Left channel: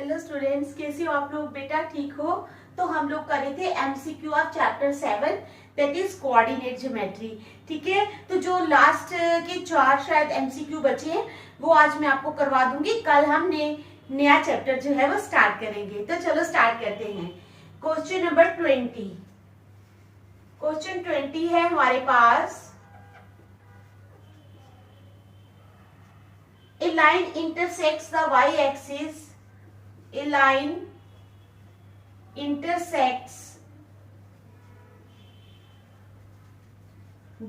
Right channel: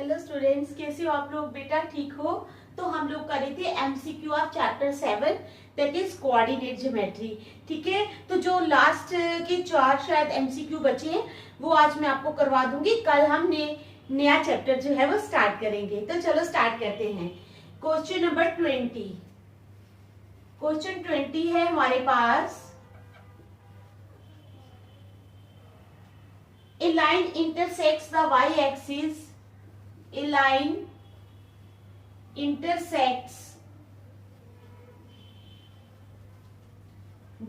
Hello students, कैसे हो आप लोग? बेटा ठीक हो? तो हम लोग कर रहे थे MCQ of chapter 7 that is coordinate geometry. ठीक है, तो जो लास्ट के 4 शायद एमसीक्यू बचे हैं वो आज मैं आपको करवा दूंगी। कल हम नया चैप्टर जो है वो स्टार्ट करेंगे। तो चलो स्टार्ट करते हैं। Question number 20। क्वेश्चन 20 है हमारे पास। A line intersects the y-axis. A line intersects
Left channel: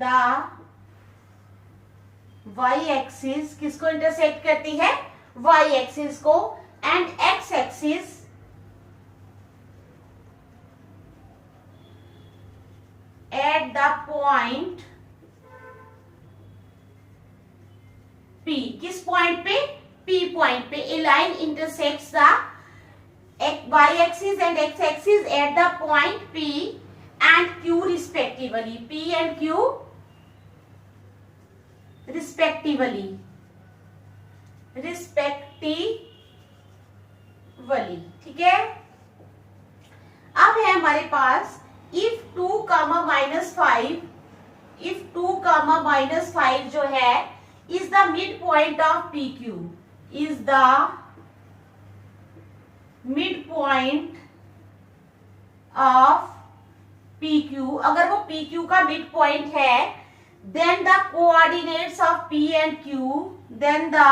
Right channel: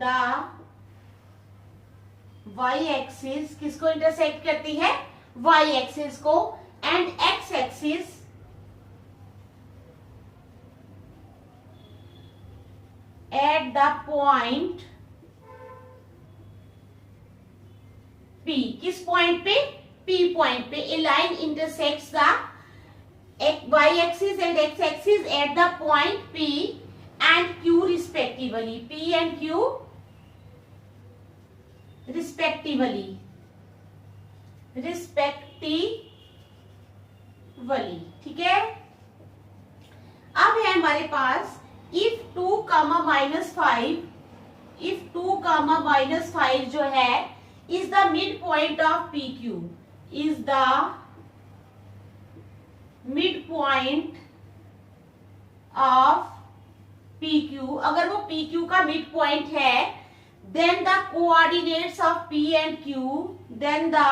the y-axis. किसको इंटरसेक्ट करती है? y-axis को and x-axis at the point P. किस पॉइंट पे? P पॉइंट पे a line intersects the y-axis and x-axis at the point P and Q respectively. P and Q respectively. ठीक है। अब है हमारे पास if 2, -5, if 2, -5 जो है is the midpoint of PQ, is the midpoint of PQ, अगर वो PQ का midpoint है, then the coordinates of P and Q, then the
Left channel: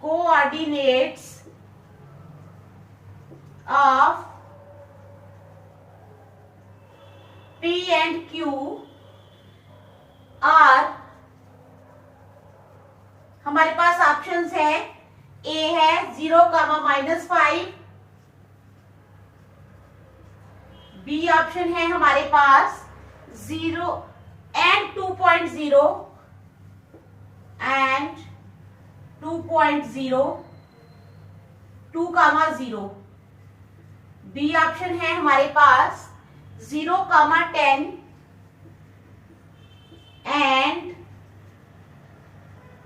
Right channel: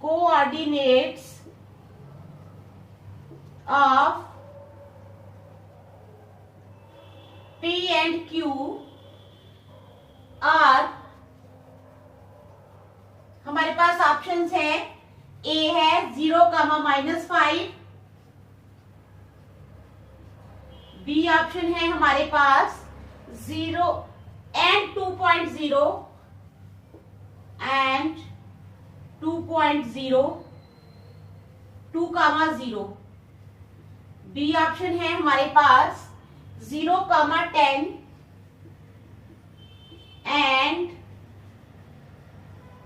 coordinates of P and Q are, हमारे पास ऑप्शंस है। ए है 0, -5, बी ऑप्शन है हमारे पास 0 and 2.0 and 2.0, 2, 0। बी ऑप्शन है हमारे पास 0, 10 and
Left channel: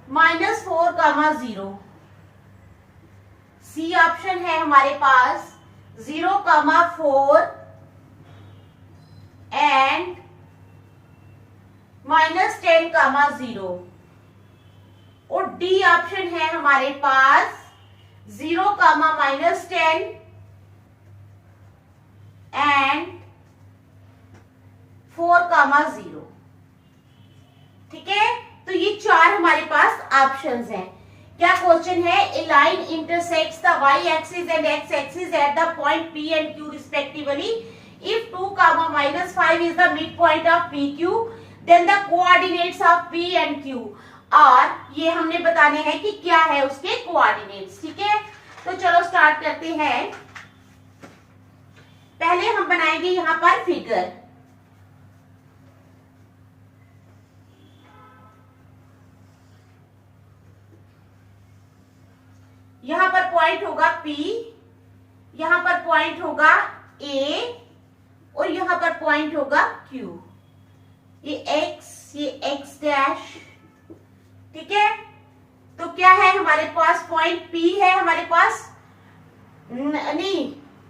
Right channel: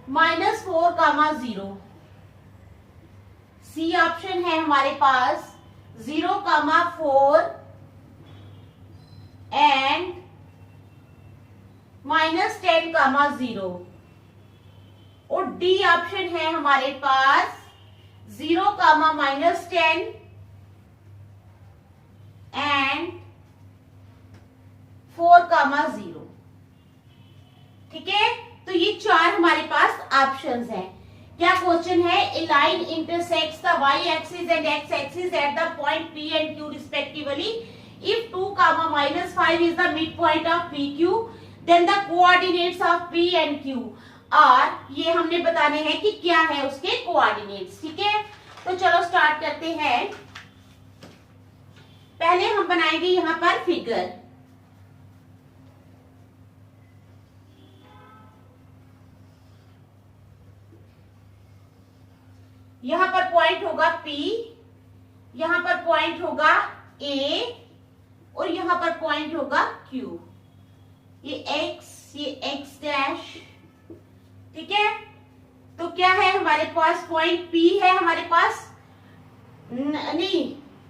-4, 0। सी ऑप्शन है हमारे पास 0, 4 and -10, 0। और डी ऑप्शन है हमारे पास 0, -10 and 4, 0। ठीक है, तो ये 4 हमारे पास ऑप्शंस हैं। क्या क्वेश्चन है? A line intersects the y axis and x axis at the point P and Q respectively. If 2, -5 is the mid point of PQ, then the coordinates of P and Q और ये हमने बताने हैं कि क्या है उसके कोऑर्डिनेट्स। ठीक है, तो चलो स्टार्ट करते हैं। पहले हम बनाएंगे यहां पर फिगर। यहां पर पॉइंट होगा P, यहां पर पॉइंट होगा A और यहां पर पॉइंट होगा Q। ये X डैश। ठीक है, तो क्या है हमारे पास? पॉइंट P है हमारे पास, नहीं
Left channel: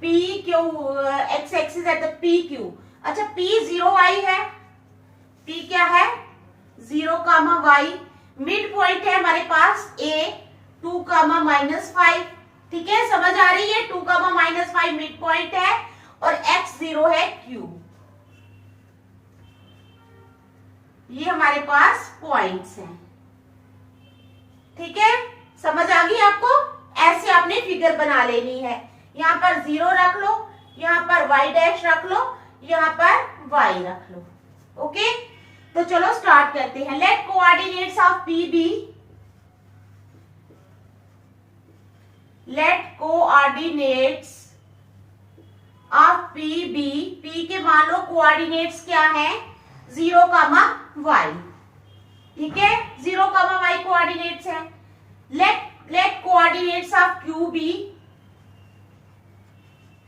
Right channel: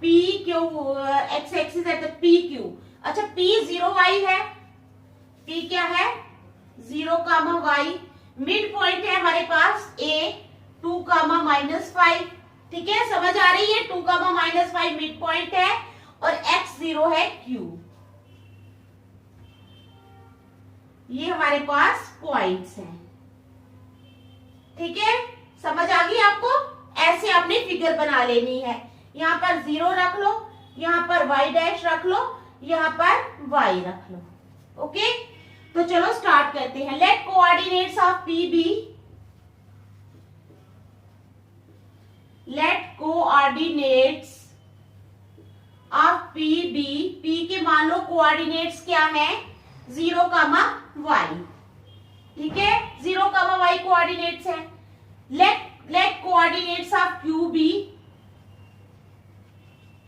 PQ, X एक्सिस है तो PQ। अच्छा, P 0y है। P क्या है? 0, y। मिड पॉइंट है हमारे पास A, 2, -5। ठीक है, समझ आ रही है? 2, -5 मिड पॉइंट है और x 0 है Q। ये हमारे पास पॉइंट्स हैं। ठीक है, समझ आ गई आपको? ऐसे आपने फिगर बना लेनी है। यहां पर 0 रख लो, यहां पर y डैश रख लो, यहां पर y रख लो। ओके, तो चलो स्टार्ट करते हैं। Let coordinates of P B, let coordinates of P B. P के मान लो कोऑर्डिनेट्स क्या है? 0, y। ठीक है, 0, y कोऑर्डिनेट्स है। Let coordinates of Q be,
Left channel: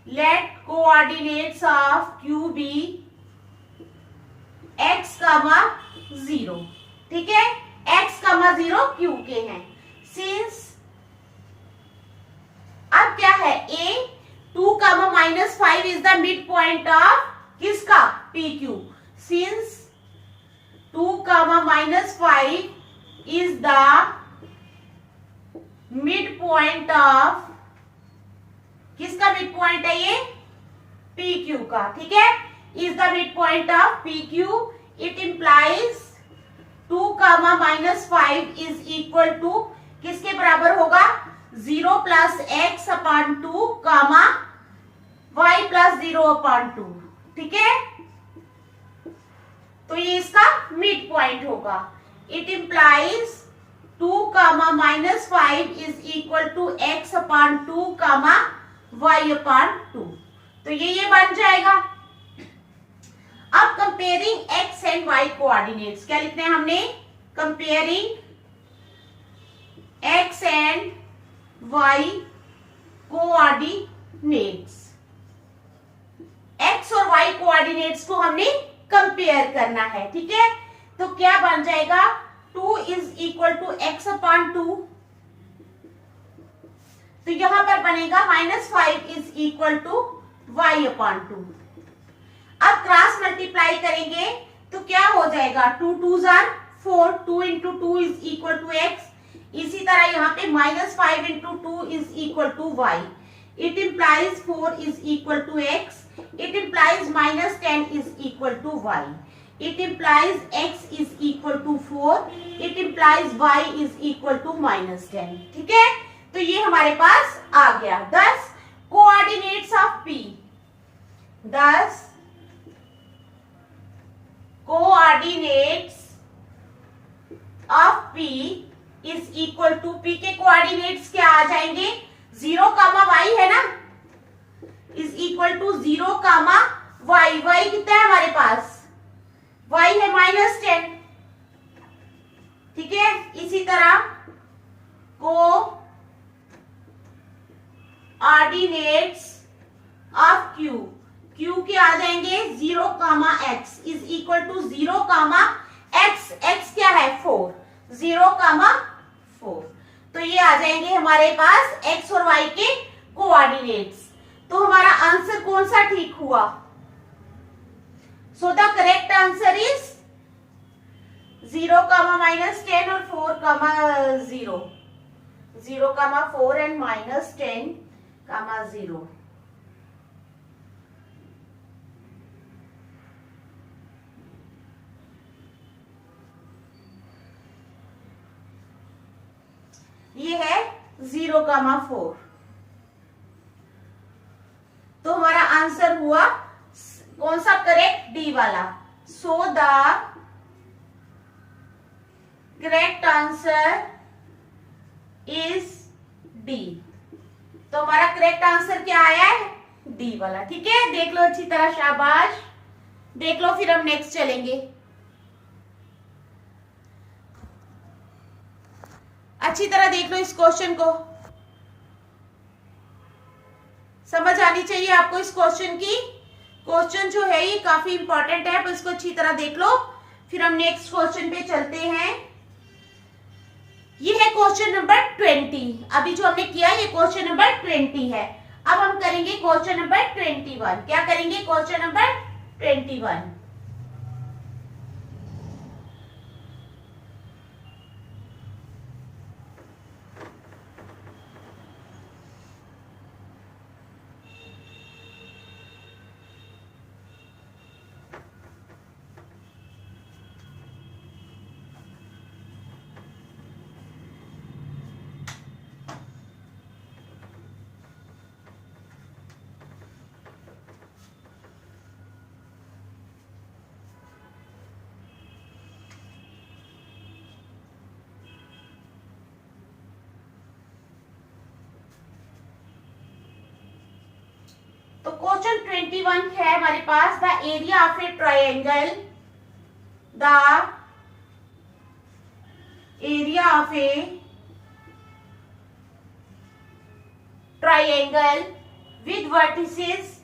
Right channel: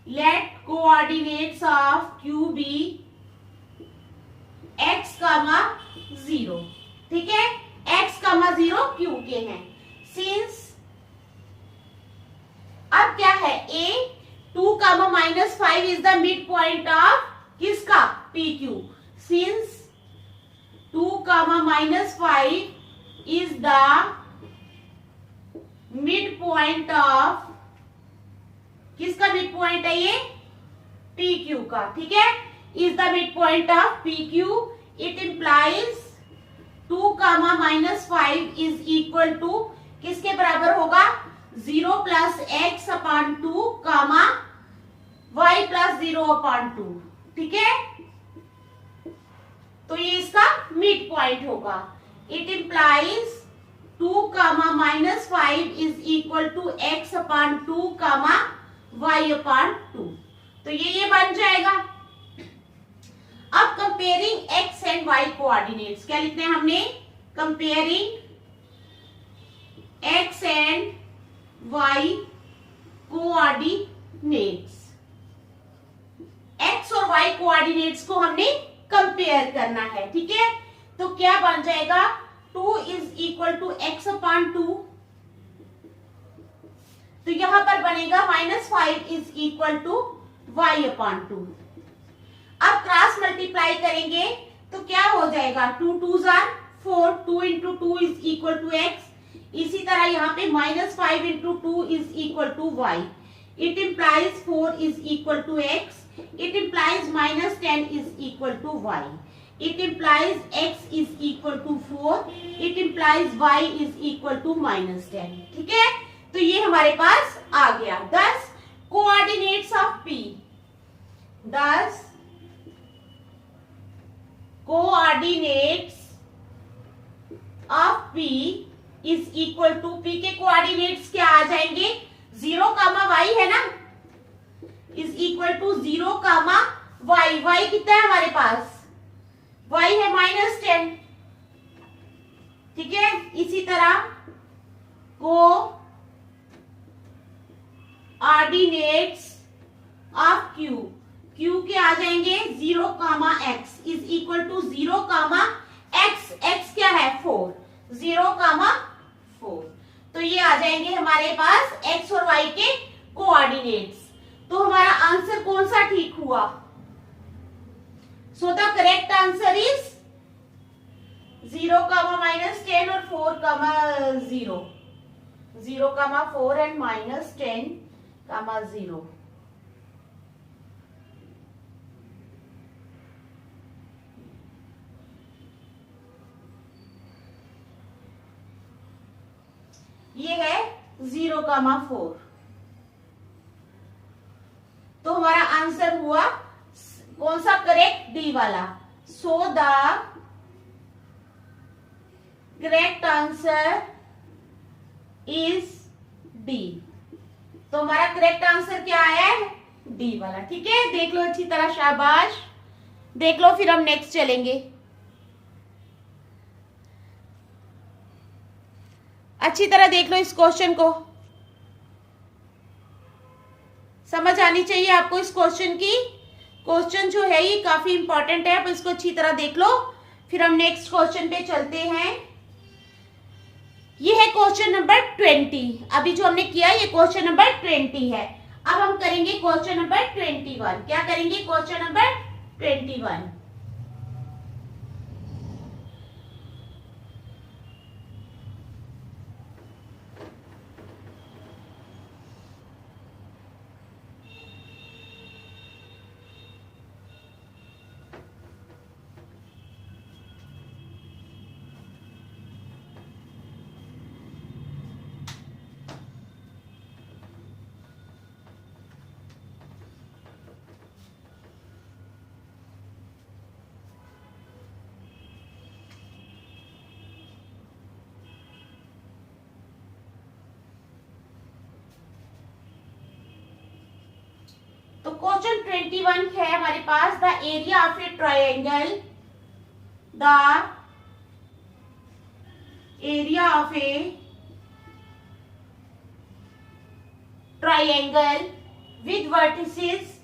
let coordinates of Q be x, 0। ठीक है, x, 0 Q के हैं। Since comma -5 is the mid point of किसका, P Q. Since 2 comma -5 is the midpoint of, किसका mid point है ये, P Q का, ठीक है, is the midpoint of PQ. It implies 2 comma -5 is equal to किसके बराबर होगा, 0 plus x upon 2 comma y plus 0 upon 2, ठीक है। तो ये इसका मिड पॉइंट होगा। It implies 2 comma -5 is equal to x upon 2 comma y upon 2। तो ये बन जाएगा। अब comparing x and y coordinates, क्या लिखते हैं हमने, comparing x and y coordinates. x और y कोऑर्डिनेट्स को हमने कंपेयर करना है, ठीक है। तो क्या बन जाएगा, 2 is equal to x upon 2, तो यहां पर बनेगा -5 is equal to y upon 2। अब क्रॉस मल्टीप्लाई करेंगे तो क्या हो जाएगा, 2 2s are 4, 2 into 2 is equal to x. इसी तरह यहाँ पे -5 into 2 is equal to y। It implies 4 is equal to x. It implies -10 is equal to y. It implies x is equal to 4. It implies y is equal to -10. ठीक है, तो ये हमारे पास आ गया। Thus coordinates of P. Thus coordinates of P is equal to, P के coordinates क्या आ जाएंगे, 0 कामा y है ना, is equal to 0 comma y। y कितना है हमारे पास, y है -10, ठीक है। इसी तरह को ऑर्डिनेट्स ऑफ q, q के आ जाएंगे 0 comma x is equal to 0 comma x, x क्या है 4, 0 कामा 4। तो ये आ जाएंगे हमारे पास x और y के कोऑर्डिनेट्स। तो हमारा आंसर कौन सा ठीक हुआ, so the correct answer is 0 कामा -10 और 4 कामा 0, 0 कामा 4 एंड -10 कामा 0। ये है 0 कामा 4। तो हमारा आंसर हुआ कौन सा करेक्ट, डी वाला। सो the correct answer is D. तो हमारा करेक्ट आंसर क्या आया है, डी वाला, ठीक है। देख लो अच्छी तरह, शाबाश, देख लो, फिर हम नेक्स्ट चलेंगे। अच्छी तरह देख लो इस क्वेश्चन को, समझ आनी चाहिए आपको इस क्वेश्चन की। क्वेश्चन जो है ये काफी इंपॉर्टेंट है, पर इसको अच्छी तरह देख लो, फिर हम नेक्स्ट क्वेश्चन पे चलते हैं। ये है क्वेश्चन नंबर 20। अभी जो हमने किया ये क्वेश्चन नंबर 20 है। अब हम करेंगे क्वेश्चन नंबर 21। क्या करेंगे, क्वेश्चन नंबर 21। तो क्वेश्चन 21 है हमारे पास, the area of a triangle, the area of a triangle with vertices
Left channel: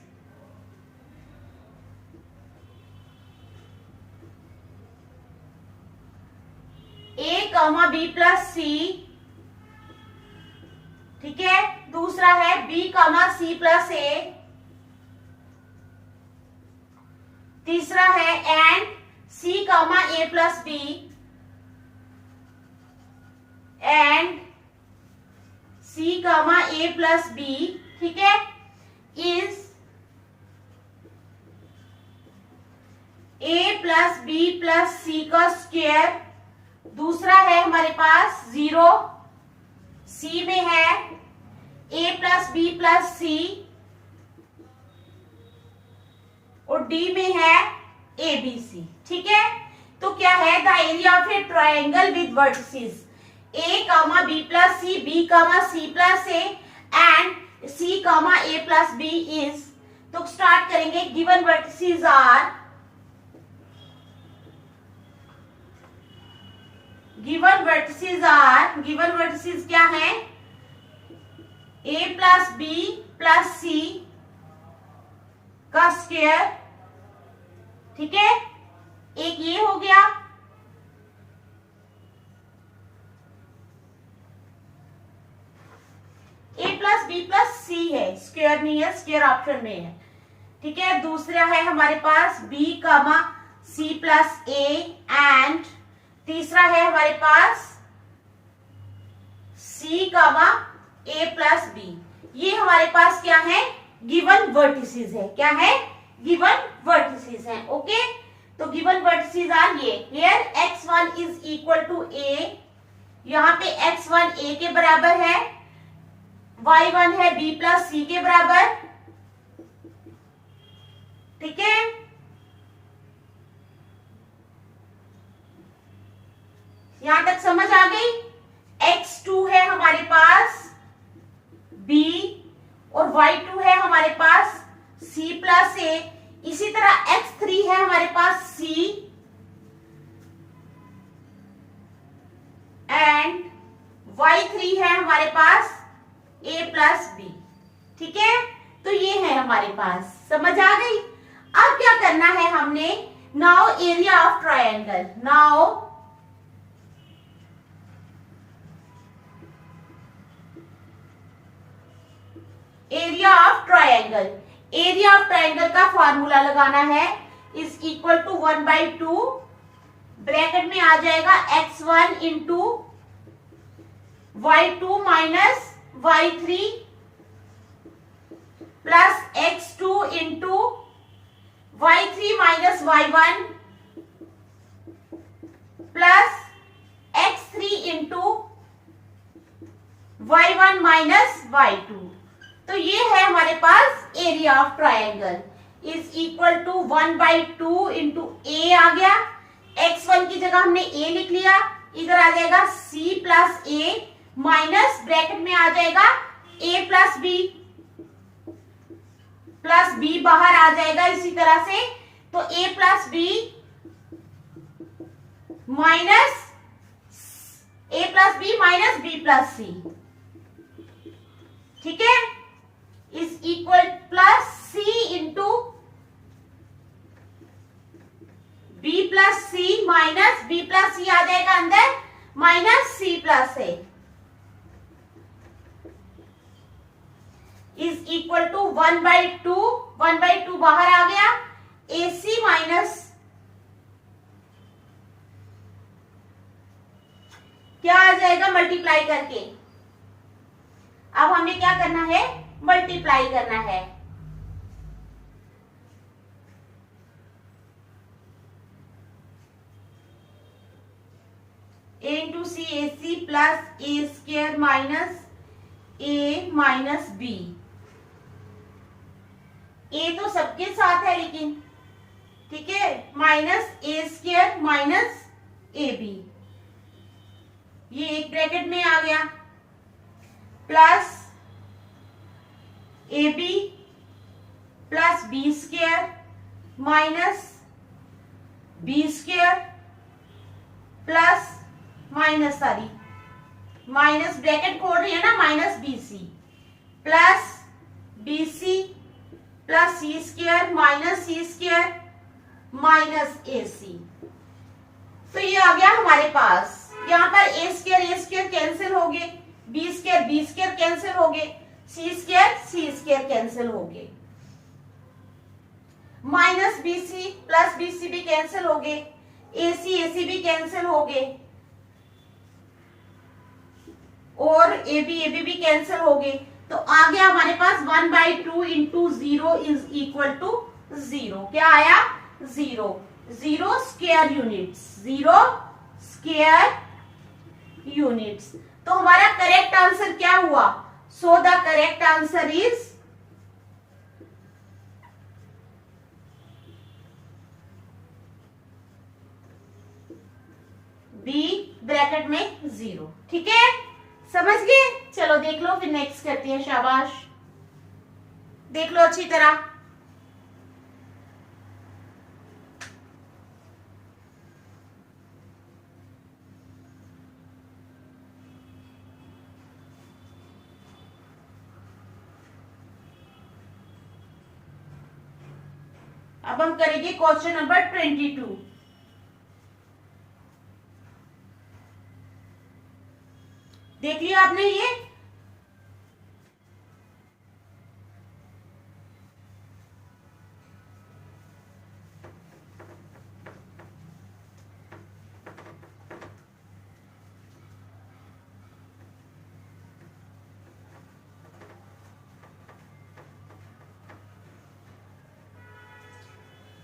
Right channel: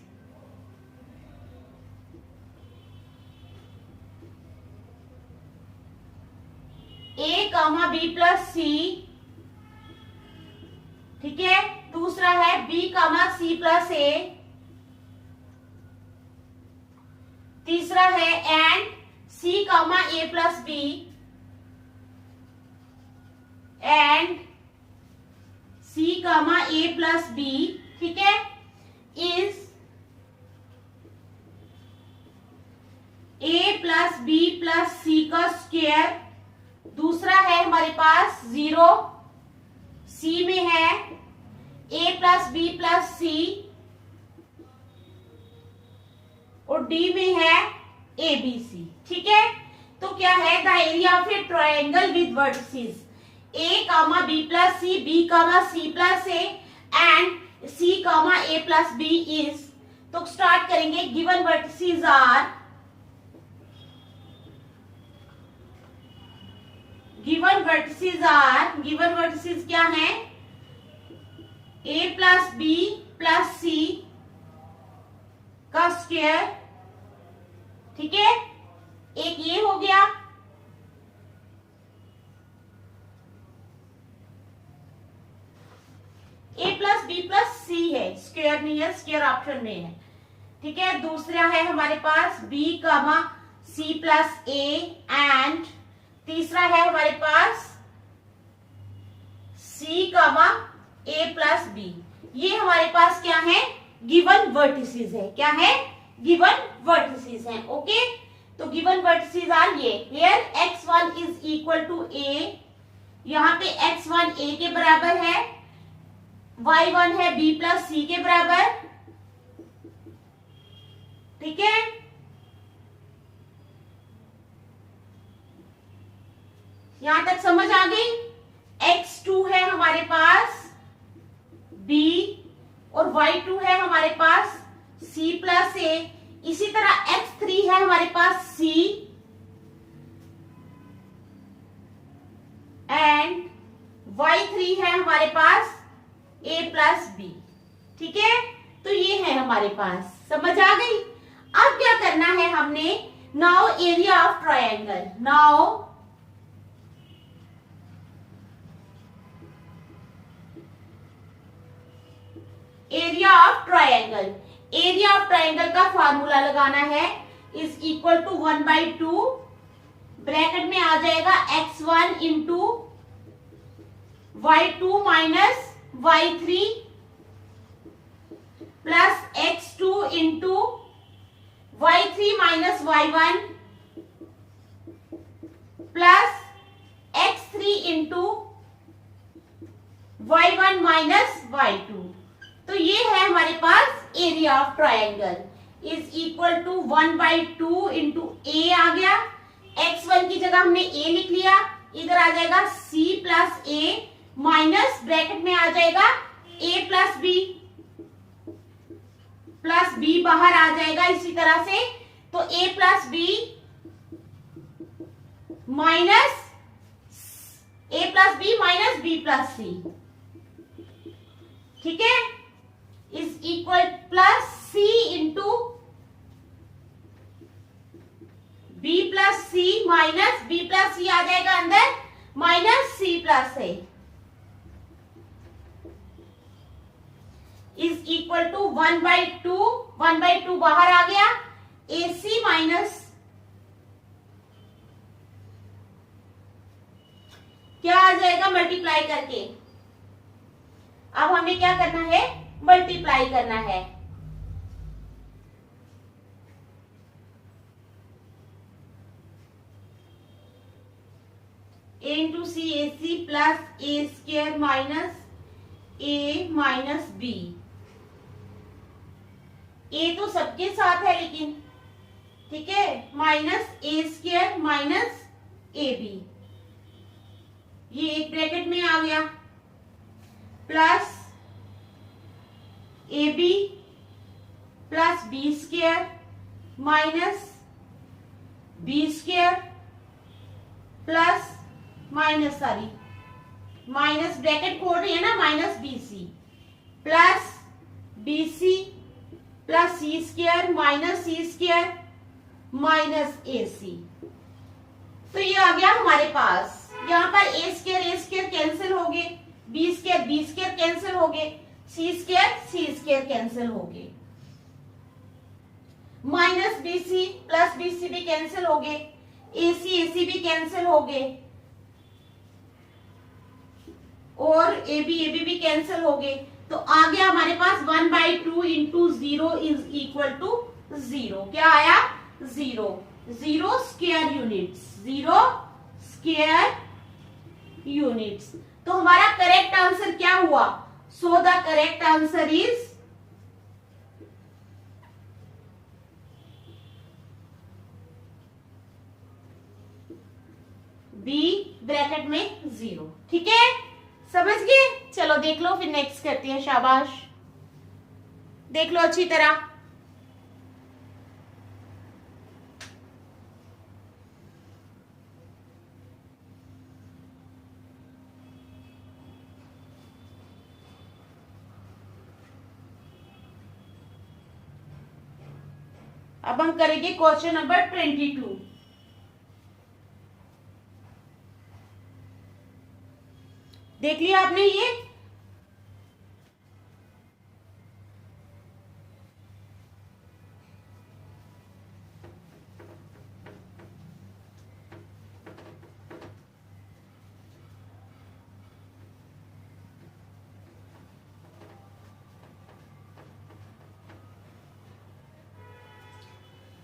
A comma B plus C, ठीक है। दूसरा है B comma C plus A, तीसरा है and C comma A plus B and C comma A plus B, ठीक है, is A plus B plus C का square. दूसरा है हमारे पास 0, C में है A plus B plus C और D में है ABC, ठीक है। तो क्या है, the area of a triangle with vertices A comma B plus C, B comma C plus A and C comma A plus B is, तो start करेंगे, given vertices are, given vertices क्या है, A plus B plus C का square, ठीक है, एक ये हो गया, A plus B plus C है, स्क्वायर नहीं है, स्क्वायर ऑप्शन में है, ठीक है। दूसरा है हमारे पास B comma C plus A and तीसरा है हमारे पास C comma A plus B। ये हमारे पास क्या है, गिवन वर्टिसेस है, क्या है, गिवन वर्टिसेस है, ओके। तो गिवन वर्टिसेस आर ये, here x1 is equal to A, यहाँ पे x1 A के बराबर है, y1 है B प्लस C के बराबर, ठीक है। यहां तक समझ आ गई। x2 है हमारे पास B और y2 है हमारे पास C प्लस A, इसी तरह x3 है हमारे पास C एंड y3 है हमारे पास A प्लस B, ठीक है। तो ये है हमारे पास, समझ आ गई। अब क्या करना है हमने, now area of triangle, now area of triangle, area of triangle का फॉर्मूला लगाना है, इज इक्वल टू 1/2, ब्रैकेट में आ जाएगा x1 into y2 minus y3 plus x2 into y3 minus y1 plus x3 into y1 minus y2। तो ये है हमारे पास area of triangle, is equal to 1/2 into A आ गया, x1 की जगह हमने A लिख लिया, इधर आ जाएगा C plus A minus bracket में आ जाएगा A प्लस B बाहर आ जाएगा इसी तरह से, तो A plus B minus B plus C, ठीक है, is equal plus C into B plus C minus B plus C आ जाएगा अंदर, minus C plus A is equal to 1/2 बाहर आ गया, AC माइनस क्या आ जाएगा, मल्टीप्लाई करके। अब हमने क्या करना है, मल्टीप्लाई करना है, A into C AC plus A square minus A minus B। A तो सबके साथ है लेकिन, ठीक है, minus A square minus AB, ये एक ब्रैकेट में आ गया, plus AB plus B square minus B square plus minus minus bracket खोल रही है ना, minus BC plus BC plus C square minus C square minus AC। तो ये आ गया हमारे पास, यहाँ पर A स्क्वायर कैंसिल हो गए, B स्क्वायर कैंसिल हो गए, C स्क्वायर कैंसिल हो गए। माइनस BC प्लस BC भी कैंसिल हो गए, AC भी कैंसिल हो गए, और AB भी कैंसिल हो गए। तो आ गया हमारे पास 1/2 इंटू 0 इज इक्वल टू 0। क्या आया? 0। 0 स्क्वायर यूनिट्स, 0 स्क्वायर यूनिट्स। तो हमारा करेक्ट आंसर क्या हुआ? So the correct answer is B bracket में 0। ठीक है, समझ गए? चलो देख लो, फिर नेक्स्ट करते हैं। शाबाश, देख लो अच्छी तरह। अब हम करेंगे क्वेश्चन नंबर 22। देख लिया आपने ये?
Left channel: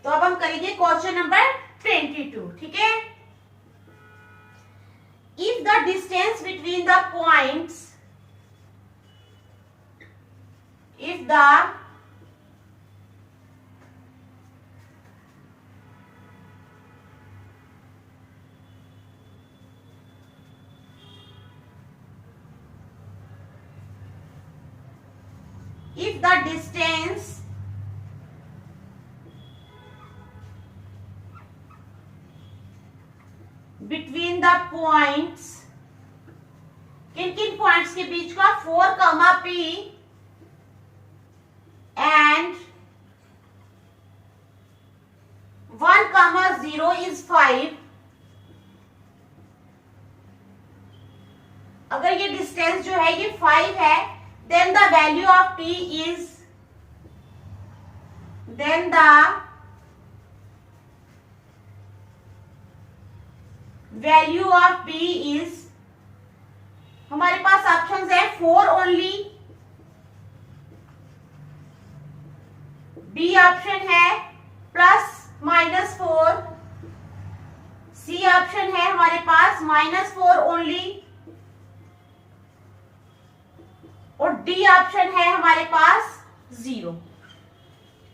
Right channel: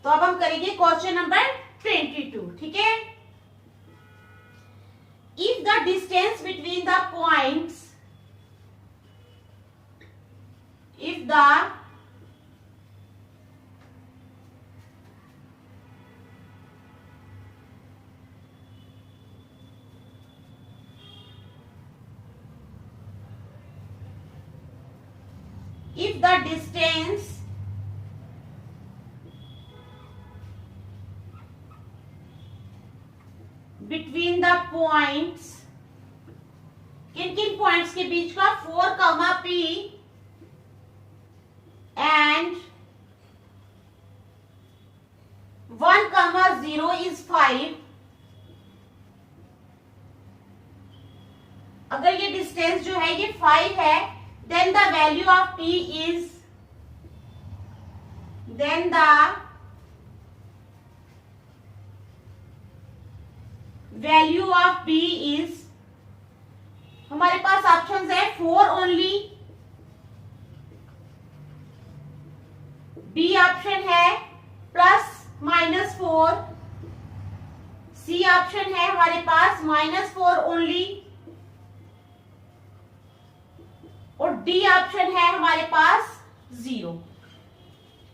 तो अब हम करेंगे क्वेश्चन नंबर 22। ठीक है, if the distance between the points, if the distance between the points, किन किन पॉइंट्स के बीच का? 4, P and 1, 0 is 5। अगर ये डिस्टेंस जो है ये 5 है, then the value of P is, then the value of P is, हमारे पास ऑप्शंस है 4 ओनली, बी ऑप्शन है +-4, सी ऑप्शन है हमारे पास -4 ओनली, और डी ऑप्शन है हमारे पास 0।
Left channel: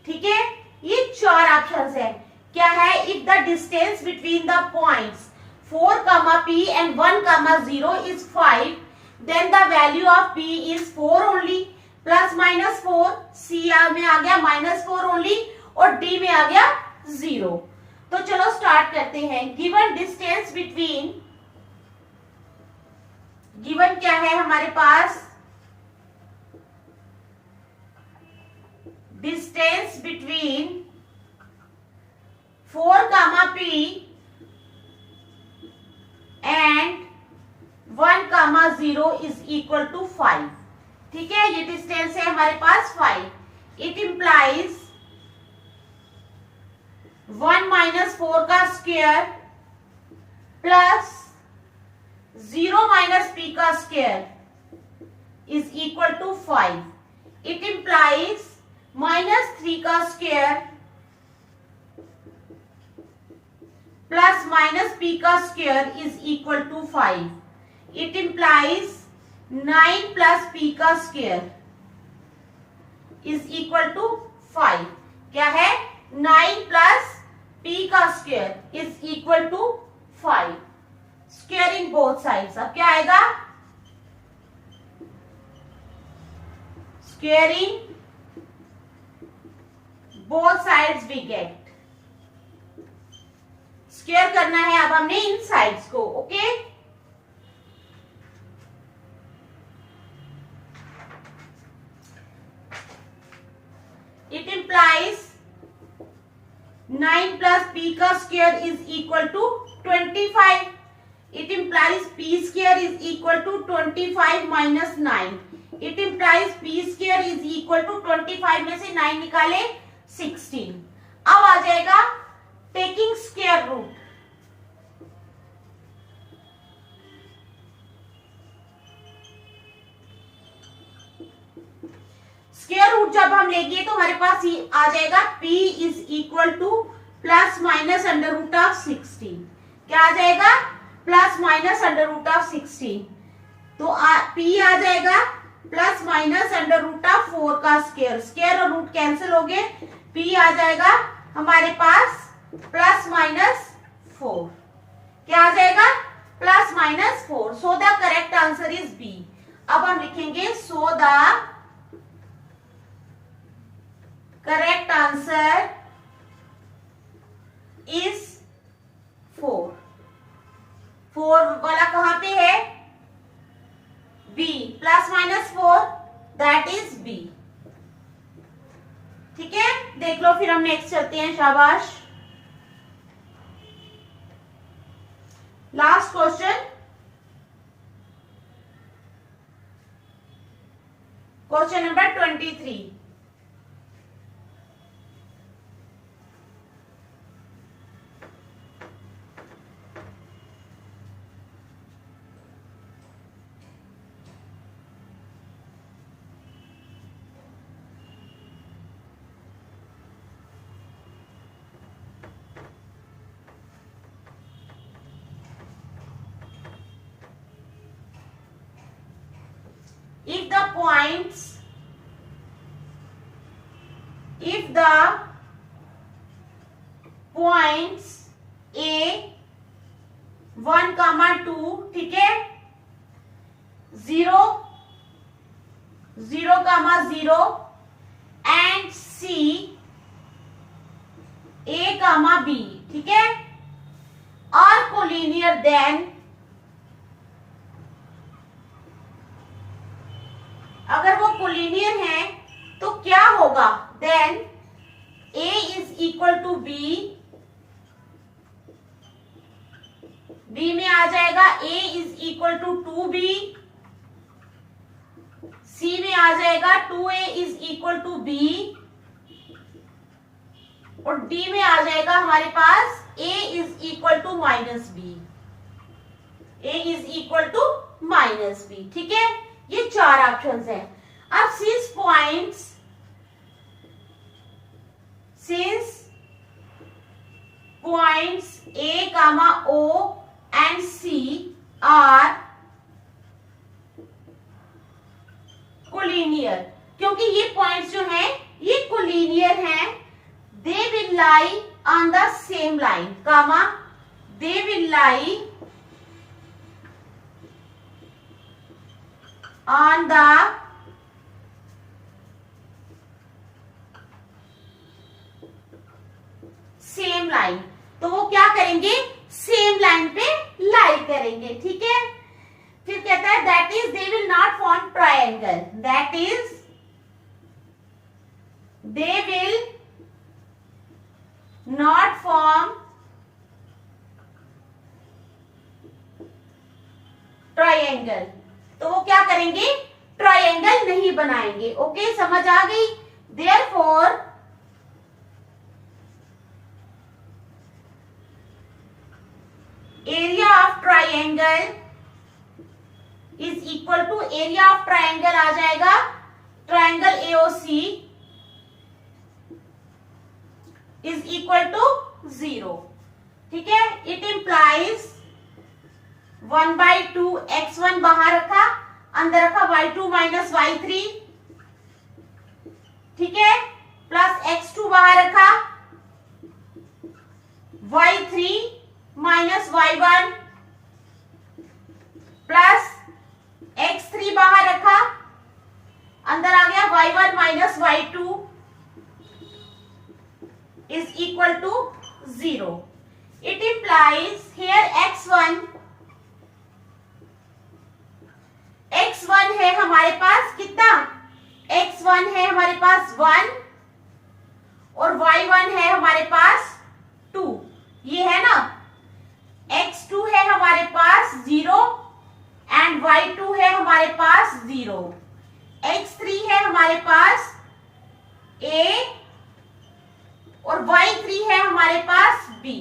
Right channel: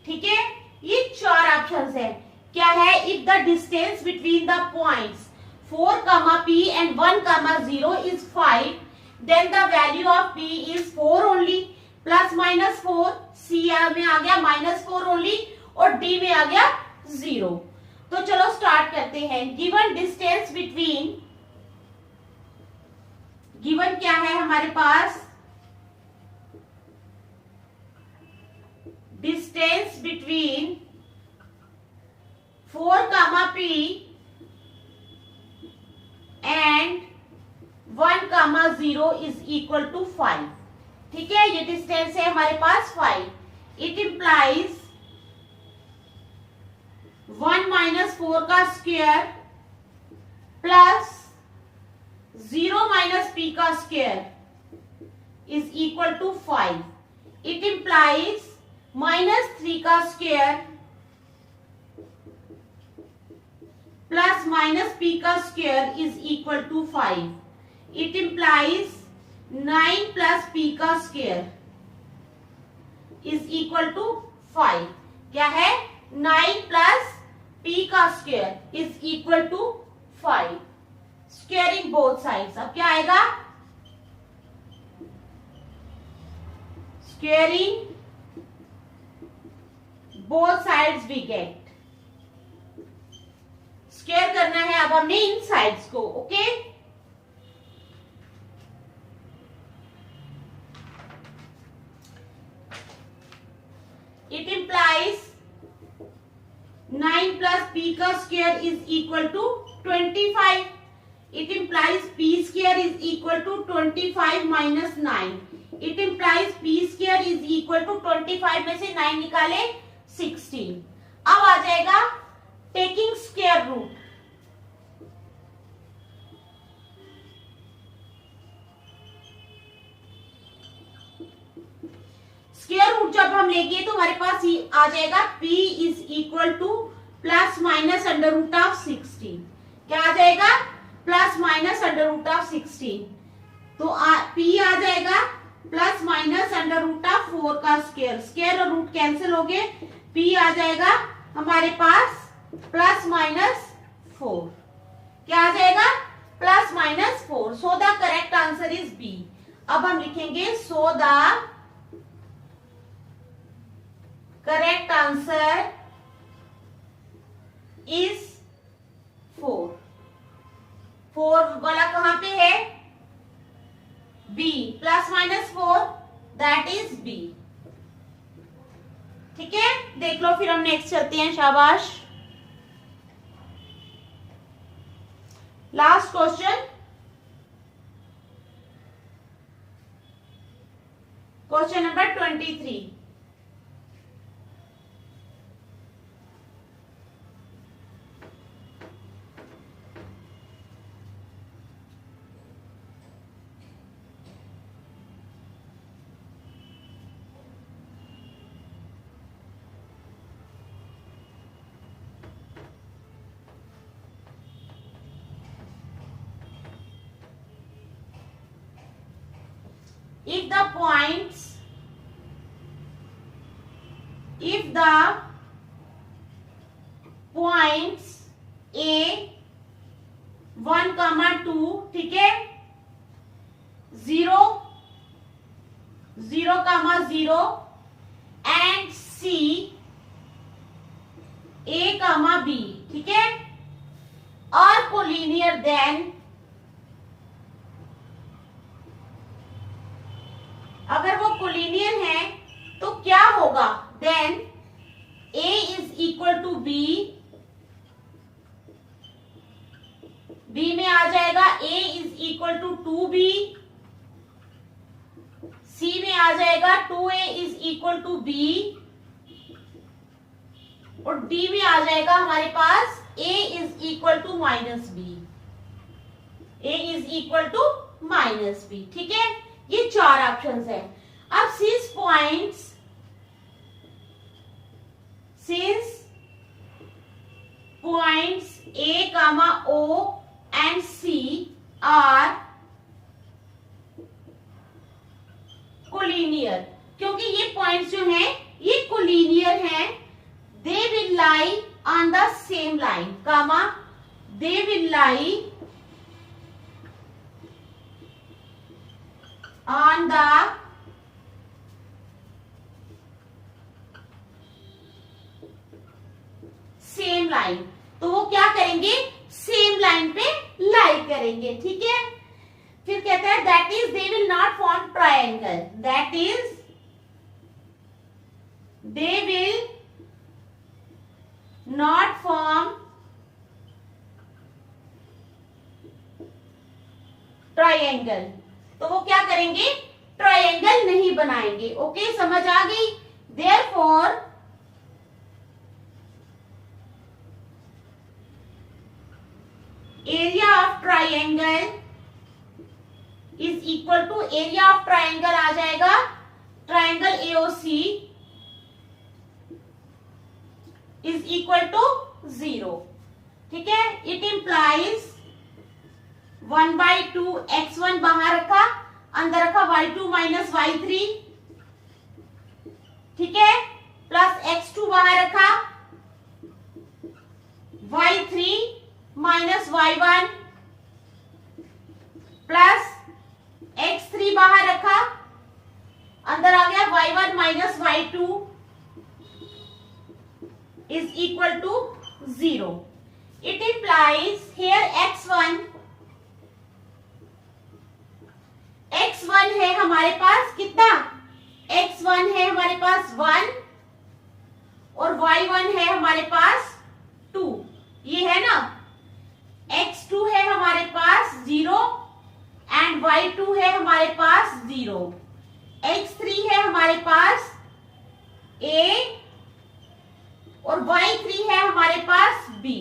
ठीक है, ये 4 ऑप्शंस है। क्या है? If the distance between the points 4, P and 1, 0 is 5, then the value of P is 4 only, +-4, C में आ गया -4 only, और D में आ गया 0। तो चलो स्टार्ट करते हैं। गिवन डिस्टेंस बिटवीन, गिवन क्या है हमारे पास? Distance between 4, P and 1, 0 is equal to 5। ठीक है, ये डिस्टेंस है हमारे पास 5। इट इंप्लाइज 1 - 4 का स्क्वायर प्लस 0 - P का square is equal to 5। It implies -3 का स्क्वायर +-P का square is equal to 5। It implies 9 + P का स्क्वायर इज इक्वल टू 5। क्या है? 9 + P का square is equal to 5। Squaring both sides. अब क्या आएगा? Squaring both sides we get. Square करना है अब हमने इन साइड्स को। ओके, इट इंप्लाइज 9 + P का square is equal to 25। It implies P square is equal to 25 - 9। It implies P square is equal to 25 में से 9 निकाले 16। अब आ जाएगा taking square root. Square root जब हम लेंगे तो हमारे पास आ जाएगा p is equal to plus minus under root of 16। क्या आ जाएगा? Plus minus under root of 16। तो p आ जाएगा plus minus under root of 4 का स्क्वायर। स्क्वायर और रूट कैंसिल हो गए, p आ जाएगा हमारे पास प्लस माइनस 4। क्या आ जाएगा? Plus minus 4। So the correct answer is B. अब हम लिखेंगे so the correct answer is 4। 4 वाला कहां पे है? B. Plus minus 4 that is B. ठीक है, देख लो फिर हम नेक्स्ट चलते हैं। शाबाश। Last question, question number 23। If the points A 1, 2, ठीक है, 0, 0, 0 एंड C A, B, ठीक है, और कोलिनियर देन अगर वो कोलिनियर है तो क्या होगा? Then A is equal to B, B में आ जाएगा A is equal to 2B, C में आ जाएगा 2A is equal to B, और D में आ जाएगा हमारे पास A is equal to minus B, A is equal to minus B। ठीक है, ये 4 ऑप्शंस है। अब since points A, O and C are collinear, क्योंकि ये पॉइंट्स जो हैं ये कोलिनियर हैं, they will lie on the same line, they will lie on the same line। तो वो क्या करेंगे? सेम लाइन पे लाई करेंगे। ठीक है, फिर कहता है that is they will not form triangle, that is they will not form triangle. तो वो क्या करेंगे? ट्रायंगल नहीं बनाएंगे। ओके, समझ आ गई? Therefore area of triangle is equal to, area of triangle आ जाएगा triangle AOC is equal to 0। ठीक है, इट इंप्लाइज 1/2 x1 बाहर रखा, अंदर रखा y2 माइनस y3, ठीक है, प्लस x2 बाहर रखा, y3 minus y1, plus x3 बाहर रखा, अंदर आ गया y1 minus y2 is equal to 0। It implies here x1 है हमारे पास कितना? x1 है हमारे पास 1 और y1 है हमारे पास 2, ये है ना। x2 है हमारे पास 0 एंड y2 है हमारे पास 0। x3 है हमारे पास a और y3 है हमारे पास b।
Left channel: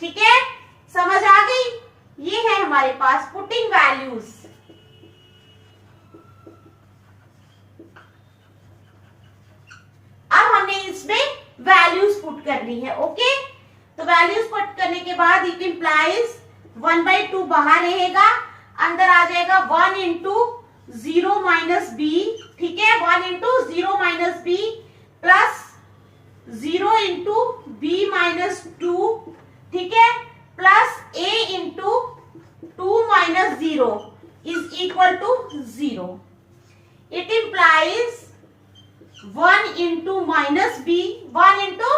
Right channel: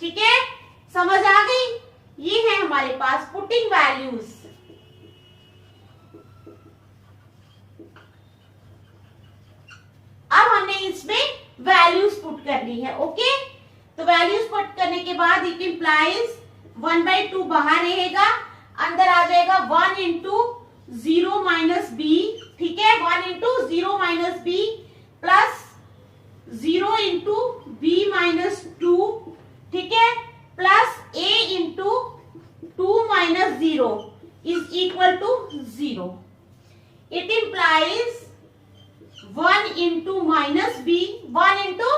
ठीक है, समझ आ गई? ये है हमारे पास पुटिंग वैल्यूज। अब हमने इसमें वैल्यूज पुट करनी है। ओके, तो वैल्यूज पुट करने के बाद इट इंप्लाइज 1/2 बाहर रहेगा, अंदर आ जाएगा 1 इंटू 0 माइनस बी। ठीक है, 1 into 0 minus B plus 0 into B minus 2। ठीक है, plus a into 2 minus 0 is equal to 0। It implies 1 into minus B, 1 into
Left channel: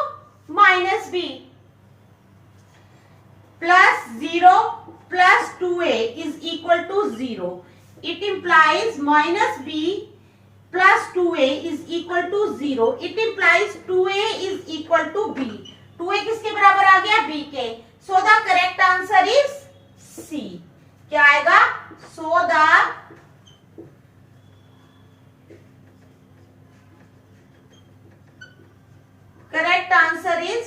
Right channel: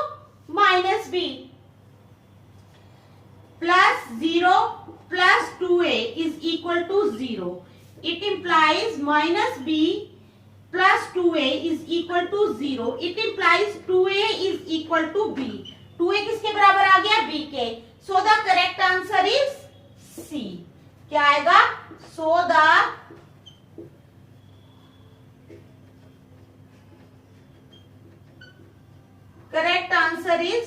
minus B plus 0 plus 2a is equal to 0. It implies minus b plus 2a is equal to 0. It implies 2a is equal to b. 2a किसके बराबर आ गया? b के। So the correct answer is C. क्या आएगा? So the correct answer is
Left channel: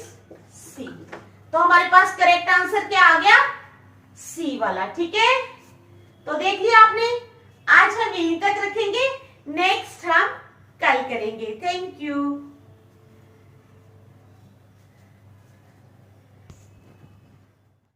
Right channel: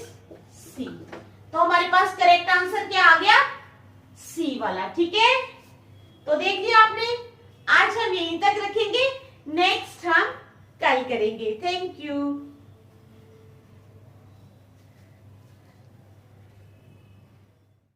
C. तो हमारे पास correct answer क्या आ गया? सी वाला। ठीक है, तो देख लिया आपने। आज हम यहीं तक रखेंगे, नेक्स्ट हम कल करेंगे। Thank you.